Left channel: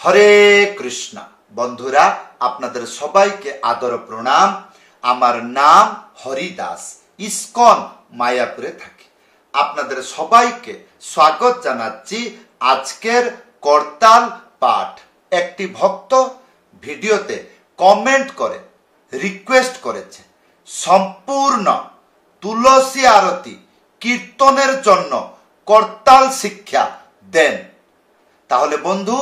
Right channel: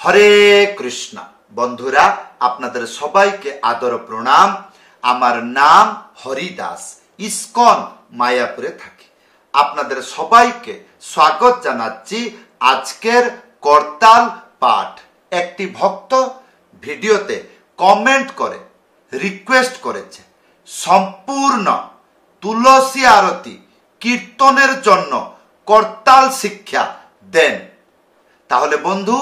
হরে কৃষ্ণ। বন্ধুরা, আপনাদের সবাইকে আদর প্রণাম। আমার নাম হরিদাস, ইসকন মায়াপুরে থাকি। আপনাদের সবাইকে স্বাগত জানাচ্ছি আজকের করতাল পাঠ। একটি ভক্ত ভিডিওতে কমেন্ট করে রিকোয়েস্ট করেছে সম্পূর্ণ তুলসী আরতি কীর্তনের জন্য করতাল শিক্ষা দেন। তাহলে বন্ধু,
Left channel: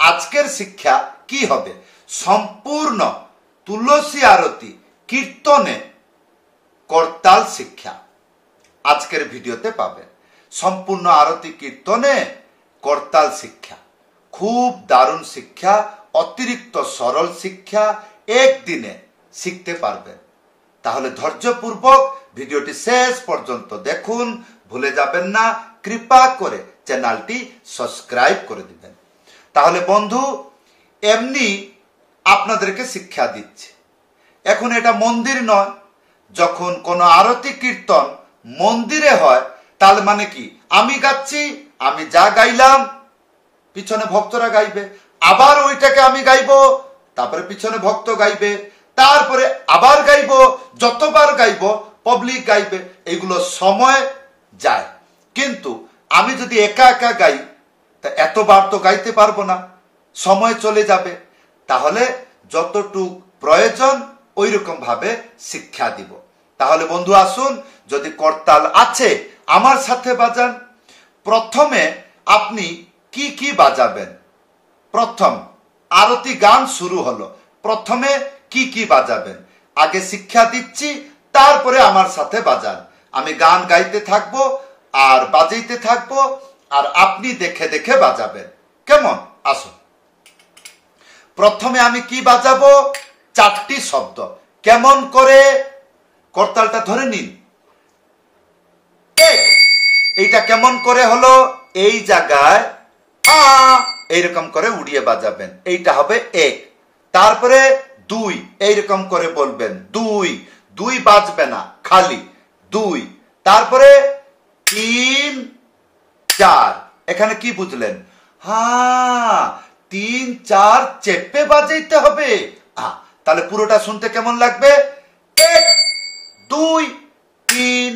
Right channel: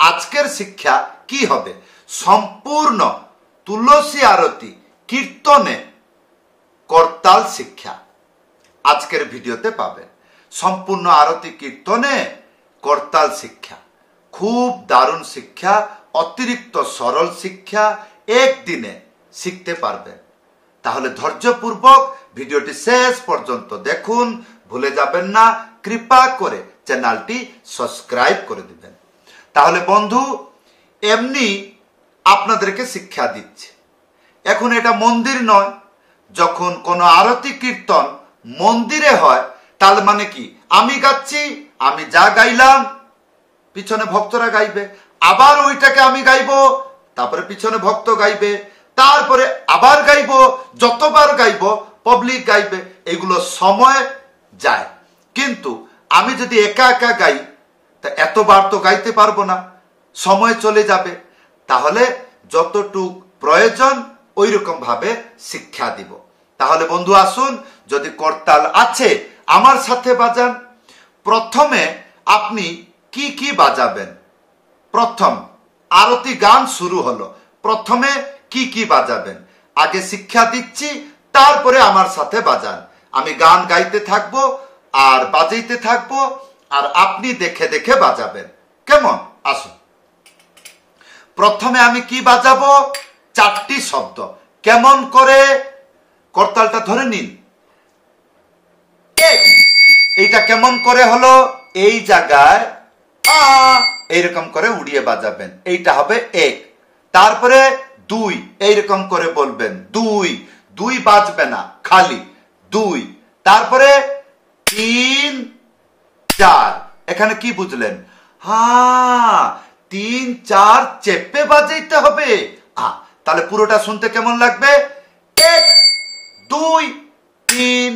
আজকের শিক্ষা কি হবে? সম্পূর্ণ তুলসী আরতি কীর্তনে করতাল শিক্ষা আজকের ভিডিওতে পাবেন। সম্পূর্ণ আরতি কীর্তনে করতাল শিক্ষা, খুব দারুণ শিক্ষা, অতিরিক্ত সরল শিক্ষা, একদিনে শিখতে পারবেন। তাহলে ধৈর্যপূর্বক ভিডিওটি শেষ পর্যন্ত দেখুন, ভুলে যাবেন না কৃপা করে চ্যানেলটি সাবস্ক্রাইব করে দিবেন। তাহলে বন্ধু, এমনি আপনাদেরকে শিক্ষা দিচ্ছে। এখন এটা মন্দির নয়। যখন কোনো আরতি কীর্তন মন্দিরে হয়, তাহলে মানে কি, আমি গাচ্ছি, আমি যা গাইলাম পিছনে ভক্তরা গাইবে, আবার ওইটাকে আমি গাইবো, তারপরে পিছনে ভক্ত গাইবে, তারপরে আবার গাইবো, যতবার গাইবো পাবলিক গাইবে, এগুলো সময় যায়। কিন্তু আমি যদি একা একা গাই, তা এতবার তো গাইতে পারবো না, সময় চলে যাবে। তাহলে যতটুক প্রয়োজন ওই রকম ভাবে শিক্ষা দিব। তাহলে বন্ধু আসুন, যদি করতাল আছে আমার সাথে বাজান। প্রথমে আপনি কি কি বাজাবেন? প্রথম আরতি গান শুরু হলো, প্রথমে কি কি বাজাবেন আগে শিক্ষা দিচ্ছি, তারপরে আমার সাথে বাজান। আমি গান গাইতে থাকবো আর বাজাইতে থাকবো, আর আপনি দেখে দেখে বাজাবেন। কেমন? আসুন। প্রথমে আমি কি বাজাবো? চারটি শব্দ। কেমন করে? করতালটা ধরে নিন। এইটা কেমন করে হলো? এই জায়গায় এইরকম করে উড়িয়ে বাজাবেন, এইটা হবে এক। তারপরে দুই, এইরকম করে বলবেন, দুই। দুই বাজবে না, খালি দুই। তারপরে তিন, চার। এখানে কি বুঝলেন? হ্যাঁ, তিন চার চেপে বাজাইতে হবে। তাহলে পুরোটা শুনতে কেমন লাগবে? এক দুই তিন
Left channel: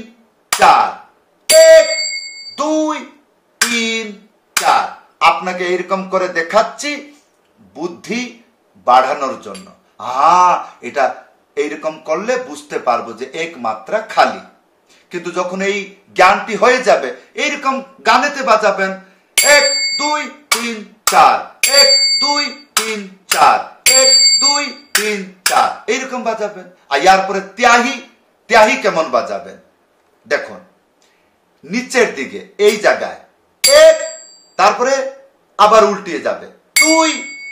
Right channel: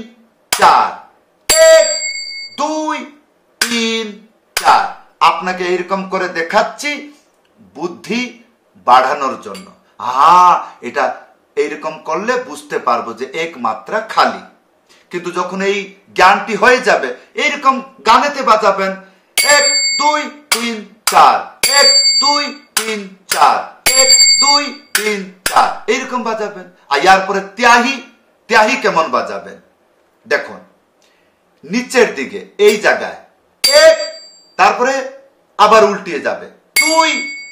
চার, এক দুই তিন চার। আপনাকে এইরকম করে দেখাচ্ছি বুদ্ধি বাড়ানোর জন্য। এটা এইরকম করলে বুঝতে পারবো যে এক মাত্রা খালি। কিন্তু যখন এই জ্ঞানটি হয়ে যাবে, এইরকম গানেতে বাজাবেন, এক দুই তিন চার, এক দুই তিন চার, এক দুই তিন চার, এইরকম বাজাবেন। আর ইয়ার পরে ত্যাহি, ত্যাহি কেমন বাজাবেন দেখুন। নিচের দিকে এই জায়গায় এক, তারপরে আবার উল্টিয়ে যাবে দুই।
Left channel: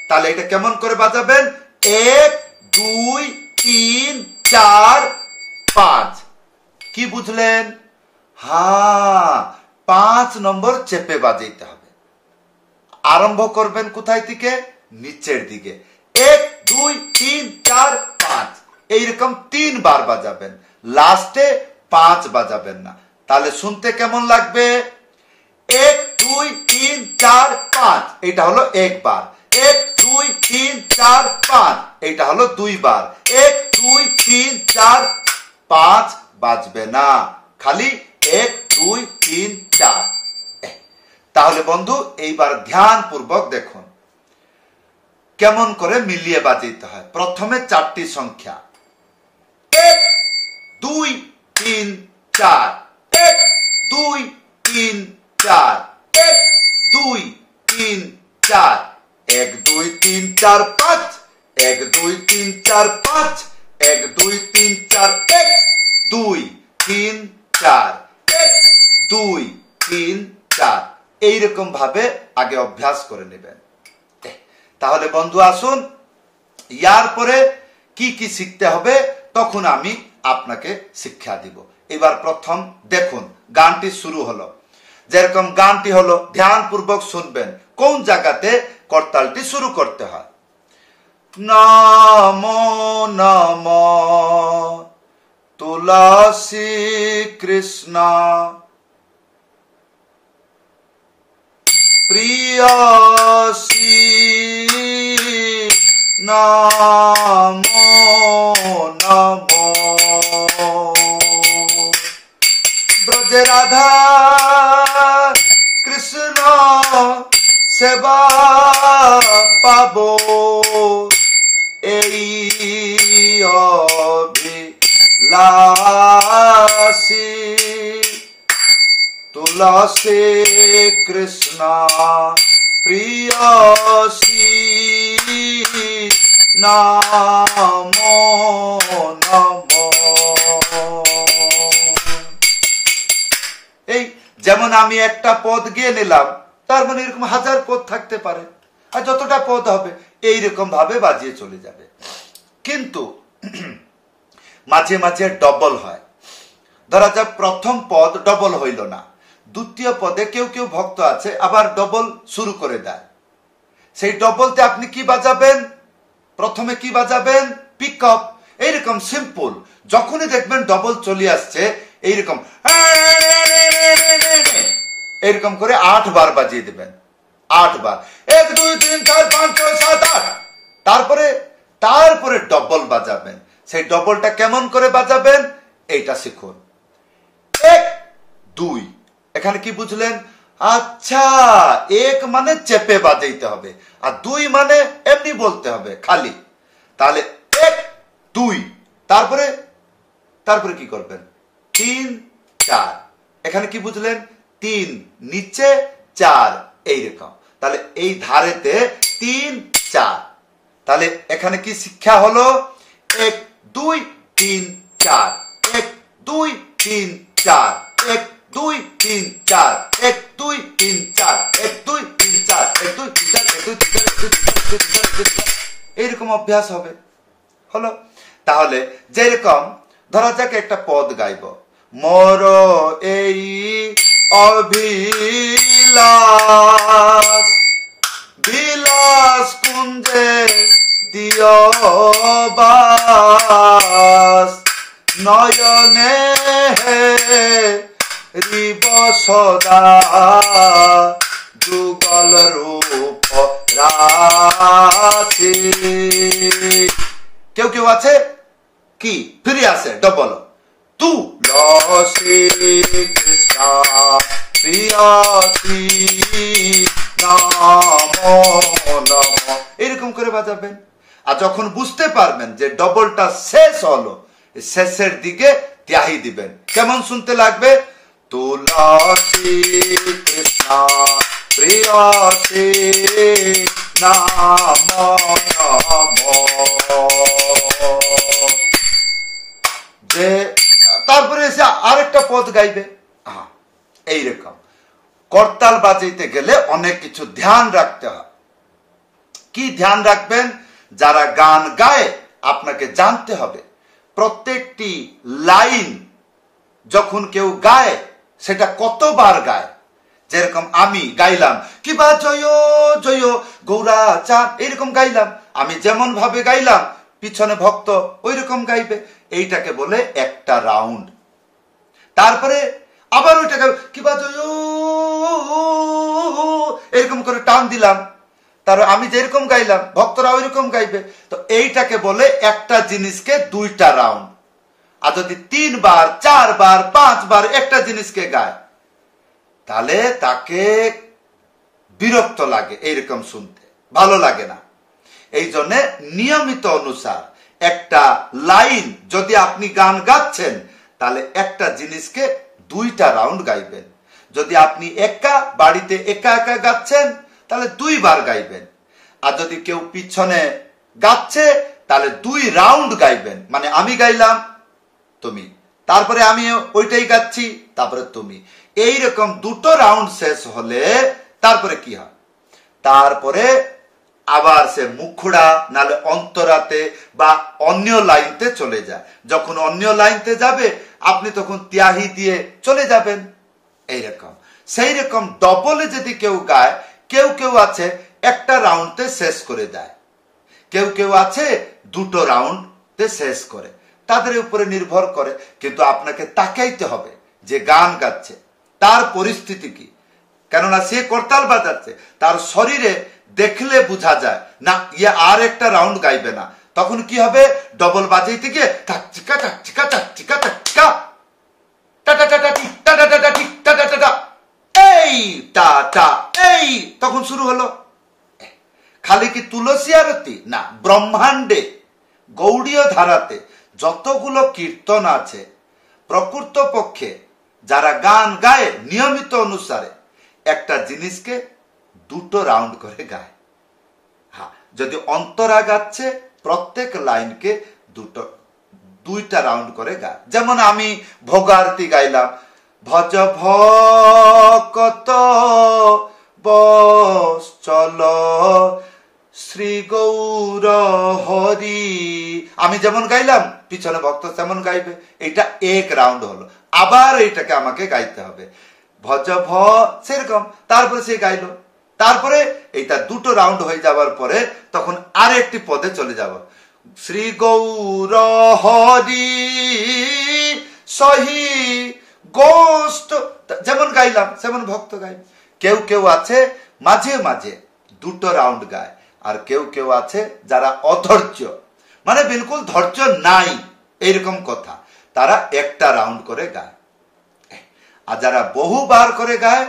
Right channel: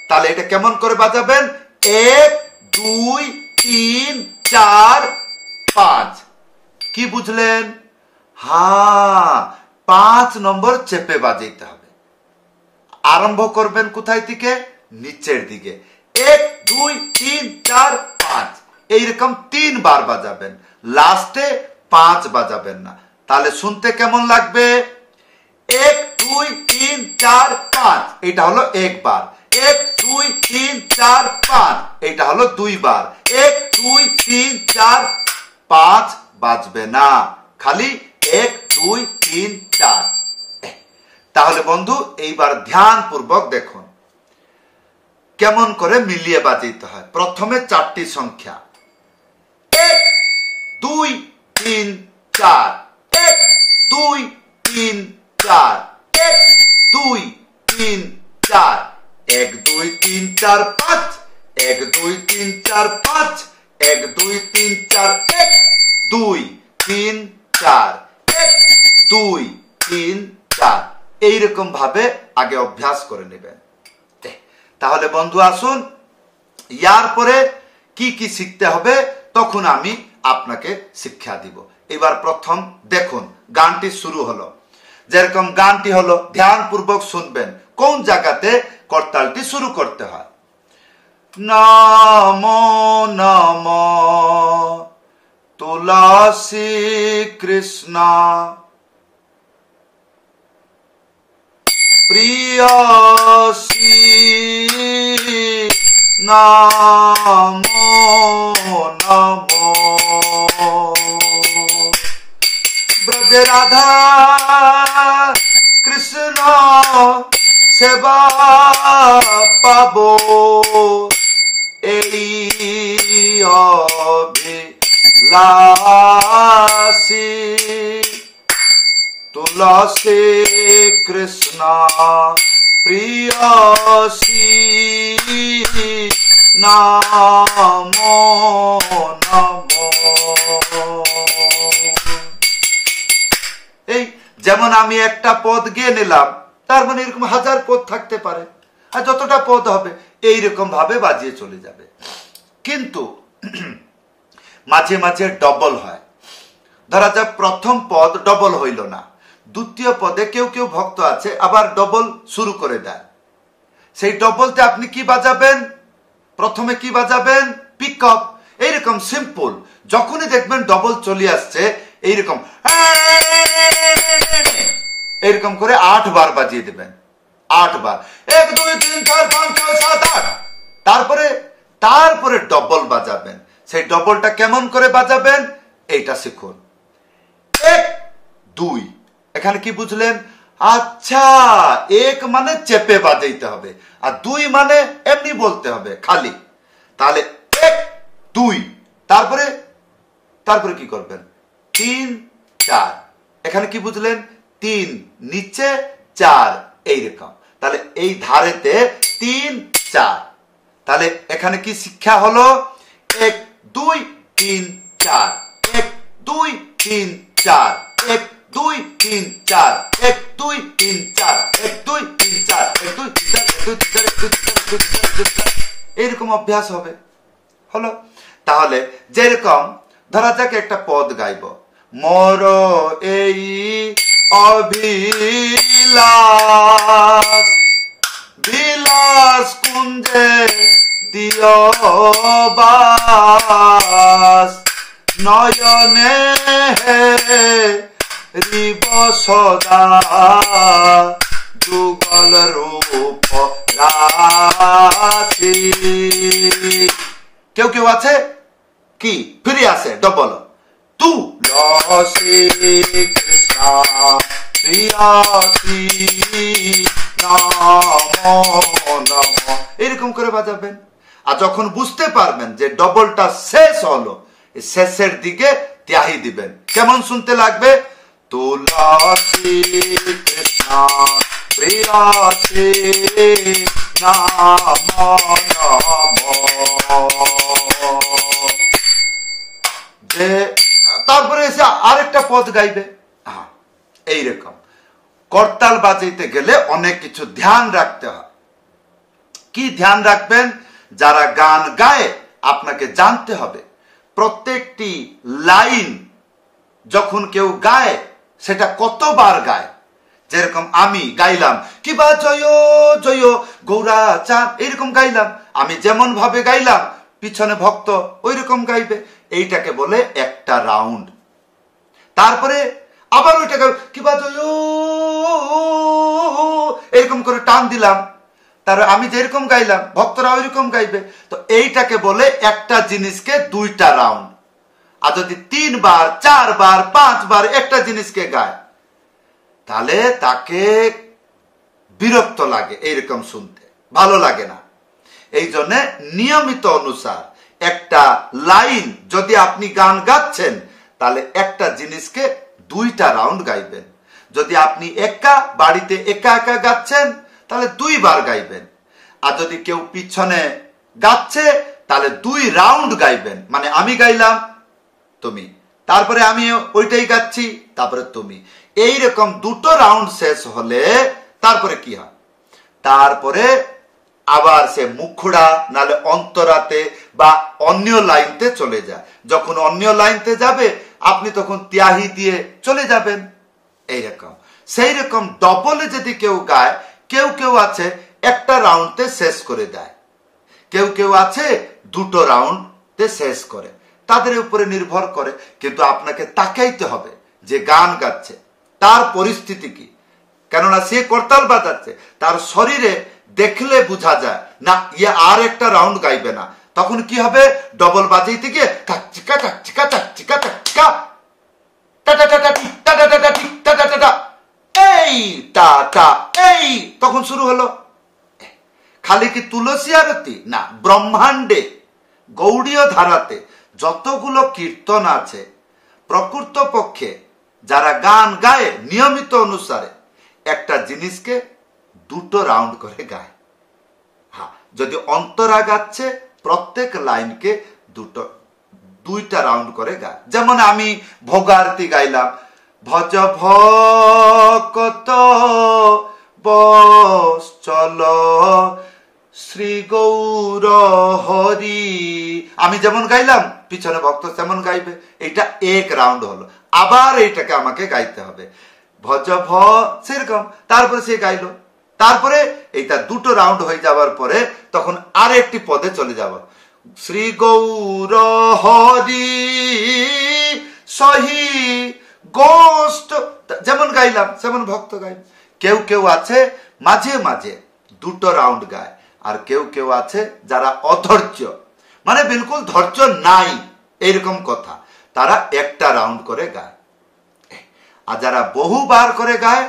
তাহলে এটা কেমন করে বাজাবেন? এক দুই তিন চার পাঁচ। কি বুঝলেন? পাঁচ নম্বর চেপে বাজাইতে হবে। আরম্ভ করবেন কোথায় থেকে? নিচের দিকে। এক দুই তিন চার পাঁচ, এইরকম তিনবার বাজাবেন, লাস্টে পাঁচ বাজাবেন না। তাহলে শুনতে কেমন লাগবে? এক দুই তিন চার পাঁচ, এটা হলো একবার। এক দুই তিন চার পাঁচ, এটা হলো দুইবার। এক দুই তিন চার পাঁচ বাজবে না, খালি এক দুই তিন চার। তাহলে বন্ধু, এইবার ধ্যান পূর্বক দেখুন কেমন করে মিলিয়ে বাজাইতে হয়। প্রথমে চারটি সংখ্যা, এক দুই তিন চার, এক দুই তিন চার, এক দুই তিন চার, এক দুই তিন চার পাঁচ, এক দুই তিন চার পাঁচ, এক দুই তিন চার, এক দুই তিন চার, এক দুই তিন চার। এইরকম ভাবে আগে অভ্যাস করে নেবেন। তাহলে বন্ধু আসুন, ইয়ার পরে কি কি শিখতে হবে তখন আমি আপনাকে শিক্ষা দিব। এবার প্রথম দেখুন, গানটি শুরু হলো। যেরকম গানটি হলো, ধ্যান পূর্বক শুনবেন কোন জায়গাতে করতালটি শুরু করতে হয়। নমো নমো তুলসী কৃষ্ণ প্রিয়সী নমো নমো। ব্রজে রাধা কৃষ্ণ সেবা পাবো, এই অভিলাষী। তুলসী কৃষ্ণ প্রিয়সী, নমো নমো। এই যেমন আমি একটা পদ গিয়ে নিলাম, তার মানে এরকম হাজার পদ থাকতে পারে, আর যতটা পদ হবে এইরকম ভাবে বাজিয়ে চলে যাবে। কিন্তু মাঝে মাঝে ডবল হয়। ধরা যাক প্রথম পদ ডবল হইল না, দ্বিতীয় পদে কেউ কেউ ভক্ত আছে আবার ডবল শুরু করে দেয়। সেই ডবলতে আপনি কি বাজাবেন? প্রথমে কি বাজাবেন? Pick up. এইরকম সিম্পল। যখনই দেখবেন ডবল চলে আসছে, এইরকম এরকম করে 8 বার বাজিয়ে দেবেন। 8 বার, 1 2 3 4 5 6 7 8। তারপরে ডবল বাজাবেন। সেই ডবলটা কেমন করে বাজাবেন এইটা শিখুন। 1 2, এখানে কি বুঝলেন? আচ্ছা, 1 মানে চেপে বাজাইতে হবে, আর 2 মানে এমনি বলতে হবে খালি। তাহলে 1 2, তারপরে কি করবেন? 3 4। এখানে কি বুঝলেন? 3 নিচে 4 এইরকম। তাহলে এই ধারেতে 3 4। তাহলে এখানে কি শিক্ষা হলো? 1 2 3 4, 1 2 3 4, 1 2 3 4, 1 2 3 4, 1 2 3 4, 1 2 3 4, 1 2 3 4, এইরকম অভ্যাস হবে। হলো? তাহলে যেরকম ধরা যাক একটা পদ গাইব, মোর এই অভিলাষ বিলাস কুঞ্জে দিও বাস, নয়নে রিব সদা যুগল রূপ রাশি। কেউ কেউ আছে কি ফিরে আসে ডবল, তুলসী কৃষ্ণ প্রিয়সী, নমো নমো, এরকম করে বাজাবেন। আর যখন বুঝতে পারবেন যে ডবলটা শেষ হলো, শেষের দিকে ত্যাহি দিবেন। কেমন শুনতে লাগবে? তুলসী কৃষ্ণ প্রিয়সী, নমো নমো। যে তারপরে এসে আরেকটা পদ গাইবে। এইরকম করতাল বাজাইতে গেলে অনেক কিছু ধ্যান রাখতে হয়। কি ধ্যান রাখবেন? যারা গান গায় আপনাকে জানতে হবে প্রত্যেকটি লাইন যখন কেউ গায় সেটা কতবার গায়। যেরকম আমি গাইলাম কিবা জয় জয় গৌরা চাঁদ, এইরকম গাইলাম, আমি যেমন ভাবে গাইলাম পিছনে ভক্ত ওই রকম গাইবে। এইটাকে বলে একটা রাউন্ড। তারপরে আবার ওইটাকে কিবা জয় এরকম করে টান দিলাম, তার আমি যেরকম গাইলাম ভক্তরা ওই রকম গাইবে। তো এইটাকে বলে একটা জিনিসকে 2টা রাউন্ড। আর যদি 3 বার 4 বার 5 বার একটা জিনিসকে গায় তাহলে তাকে বিরক্ত লাগে, এইরকম শুনতে ভালো লাগে না। এই জন্য নিয়মিত অনুসার একটা লাইন যদি আপনি গান গাচ্ছেন তাহলে একটা জিনিসকে 2টা রাউন্ড গাইবেন। যদি আপনি বাড়িতে একা একা গাচ্ছেন তাহলে 2 বার গাইবেন। আর যদি কেউ পিছনে গাচ্ছে তাহলে 2 রাউন্ড গাইবেন। মানে আমি গাইলাম তুমি, তারপরে আমি ওইটাই গাচ্ছি, তারপরে তুমি, এইরকম 2টো রাউন্ড শেষ হলে তারপরে কি হয়? তারপরে আবার সে মুখড়া নালে অন্তরাতে বা অন্য লাইনতে চলে যায়। যখন অন্য লাইনতে যাবে আপনি তখন ত্যাহি দিয়ে চলে যাবেন। এইরকম সেই রকম ডবলে যদি কেউ গায়, কেউ কেউ আছে একটা রাউন্ডে শেষ করে দেয়, কেউ কেউ আছে 2টো রাউন্ডে শেষ করে, তাদের উপরে নির্ভর করে। কিন্তু আপনাকে তাকাইতে হবে যে গান গাচ্ছে তার পরিস্থিতি কি, কেননা সে করতাল বাজাচ্ছে, তার শরীরে দেখলে বোঝা যায় না ইয়ে আর একটা রাউন্ড গাইবে না, তখন কি হবে, ডবল বাজাইতে গিয়ে টাকচিকা টাকচিকা টাকচিকা টাকচিকা এই টা টা এই, তখন শুরু হলো। খালি কি তুলসী আরতি না, ব্রহ্মাণ্ডে গৌড়ীয় ধারাতে যতগুলো কীর্তন আছে প্রকৃত পক্ষে যারা গান গায় নিয়মিত অনুসারে একটা জিনিসকে দুটো রাউন্ড করে গায়। হ্যাঁ, যদি অন্তরা গাচ্ছে প্রত্যেক লাইনকে দুইটা রাউন্ড করে গায়। যেমন আমি ভোগারতি গাইলাম, ভজ ভকত বৎসল শ্রী গৌর হরি, আমি যেমন গাইলাম পিছনে ভক্ত তেমন গাইবে, এটা এক রাউন্ড হলো। আবার এইটাকে আমাকে গাইতে হবে ভজ ভ সেরকম, তারপরে সে গাইলো, তারপরে এইটা দুটো রাউন্ড হয়ে যাওয়ার পরে তখন আর একটি পদে চলে যাব, শ্রী গৌর হরি সহি গোষ্ঠ, যেমন গাইলাম সেমন ভক্ত গাইবে। কেউ কেউ আছে মাঝে মাঝে দুটো রাউন্ড গায়, আর কেউ কেউ আছে যারা অধৈর্য, মানে বিলকুল ধৈর্য নাই এইরকম কথা, তারা একটা রাউন্ড করে গায়। আর যারা বহুবার করে গায়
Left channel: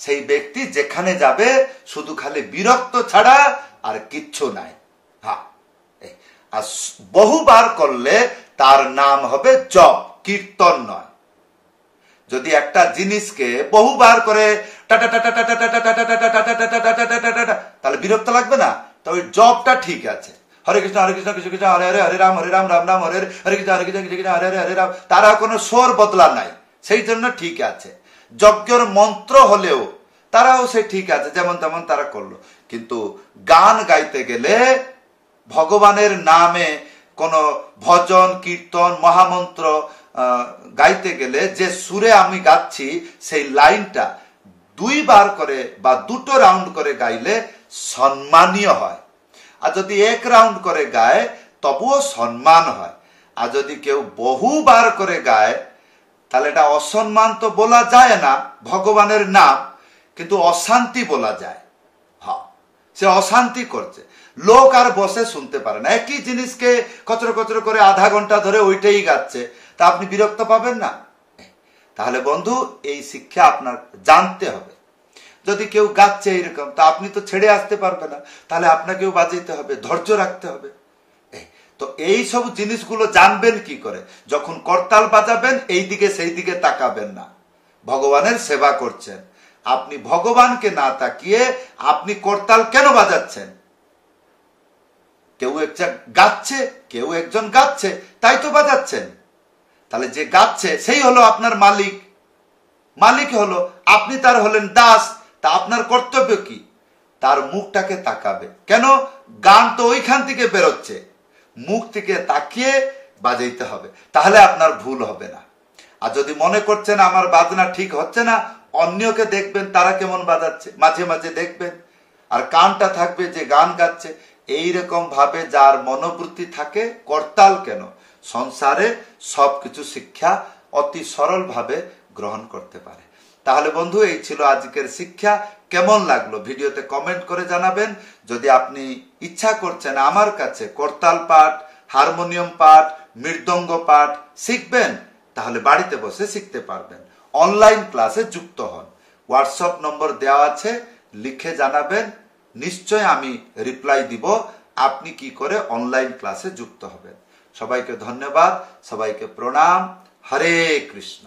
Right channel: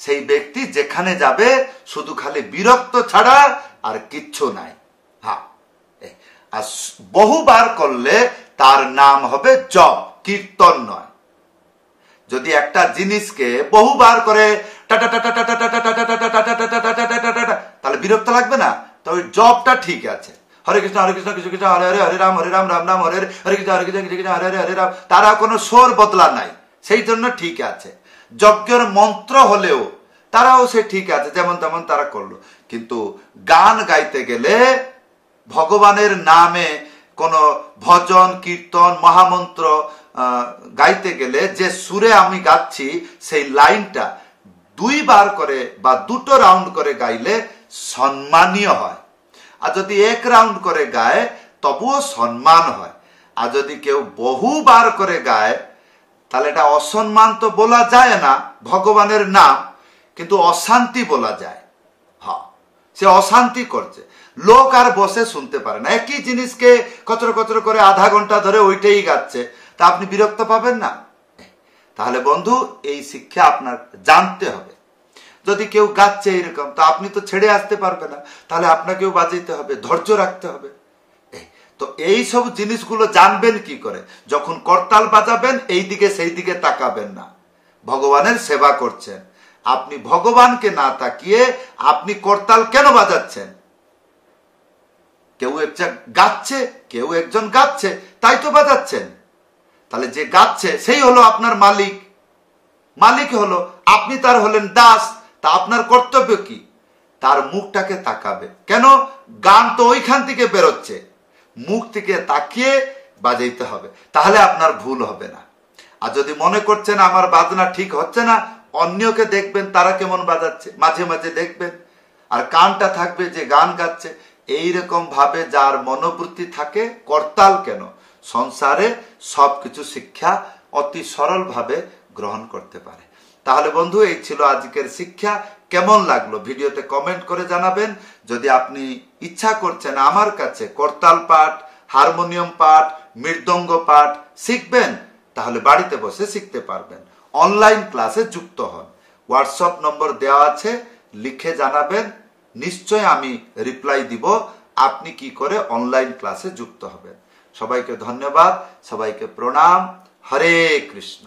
সেই ব্যক্তি যেখানে যাবে শুধু খালি বিরক্ত ছাড়া আর কিচ্ছু নাই। হ্যাঁ, আর বহুবার করলে তার নাম হবে জপ, কীর্তন নয়। যদি একটা জিনিসকে বহুবার করে তাহলে বিরক্ত লাগবে না, তবে জপটা ঠিক আছে। হরে কৃষ্ণ কৃষ্ণ কৃষ্ণ হরে হরে, হরে রাম রাম রাম হরে হরে কৃষ্ণ কৃষ্ণ হরে হরে হরে রাম, তারা কোনো স্বর বদলা নাই, সেই জন্য ঠিক আছে। যজ্ঞের মন্ত্র হলেও তারাও সে ঠিক আছে, যেমন তেমন তারা করলো। কিন্তু গান গাইতে গেলে ভগবানের নামে কোন ভজন কীর্তন মহামন্ত্র গাইতে গেলে যে সুরে আমি গাচ্ছি সেই লাইনটা দুইবার করে বা দুটো রাউন্ড করে গাইলে সম্মানীয় হয়। আর যদি এক রাউন্ড করে গায় তবুও সম্মান হয়। আর যদি কেউ বহুবার করে গায় তাহলে এটা অসম্মান তো বলা যায় না ভগবানের নাম, কিন্তু অশান্তি বলা যায়। হ্যাঁ, সে অশান্তি করছে, লোক আর বসে শুনতে পারে না। একই জিনিসকে কচর কচর করে আধা ঘন্টা ধরে ওইটাই গাচ্ছে, তা আপনি বিরক্ত পাবেন না? তাহলে বন্ধু এই শিক্ষা আপনার জানতে হবে। যদি কেউ গাচ্ছে এইরকম, তা আপনি তো ছেড়ে আসতে পারবে না, তাহলে আপনাকেও বাজাইতে হবে, ধৈর্য রাখতে হবে। তো এই সব জিনিসগুলো জানবেন কি করে? যখন করতাল বাজাবেন এই দিকে সেই দিকে তাকাবেন না, ভগবানের সেবা করছেন। আপনি ভগবানকে না তাকিয়ে আপনি করতাল কেন বাজাচ্ছেন? কেউ একটা গাচ্ছে, কেউ একজন গাচ্ছে, তাই তো বাজাচ্ছেন। তাহলে যে গাচ্ছে সেই হলো আপনার মালিক, মালিক হলো আপনি, তার হলেন দাস। তা আপনার কর্তব্য কি? তার মুখটাকে তাকাবে। কেন? গান তো ওইখান থেকে বেরোচ্ছে, মুখ থেকে তাকিয়ে বাজাইতে হবে, তাহলে আপনার ভুল হবে না। আর যদি মনে করছেন আমার বাজনা ঠিক হচ্ছে না, অন্যকে দেখবেন তারা কেমন বাজাচ্ছে, মাঝে মাঝে দেখবেন, আর কানটা থাকবে যে গান গাচ্ছে। এইরকম ভাবে যার মনোবৃত্তি থাকে, করতাল কেন, সংসারে সবকিছু শিক্ষা অতি সরল ভাবে গ্রহণ করতে পারে। তাহলে বন্ধু এই ছিল আজকের শিক্ষা। কেমন লাগলো ভিডিওতে কমেন্ট করে জানাবেন। যদি আপনি ইচ্ছা করছেন আমার কাছে করতাল পাঠ, হারমোনিয়াম পাঠ, মৃদঙ্গ পাঠ শিখবেন, তাহলে বাড়িতে বসে শিখতে পারবেন। অনলাইন ক্লাসে যুক্ত হন, হোয়াটসঅ্যাপ নম্বর দেওয়া আছে, লিখে জানাবেন, নিশ্চয় আমি রিপ্লাই দিব আপনি কি করে অনলাইন ক্লাসে যুক্ত হবেন। সবাইকে ধন্যবাদ, সবাইকে প্রণাম। হরে কৃষ্ণ।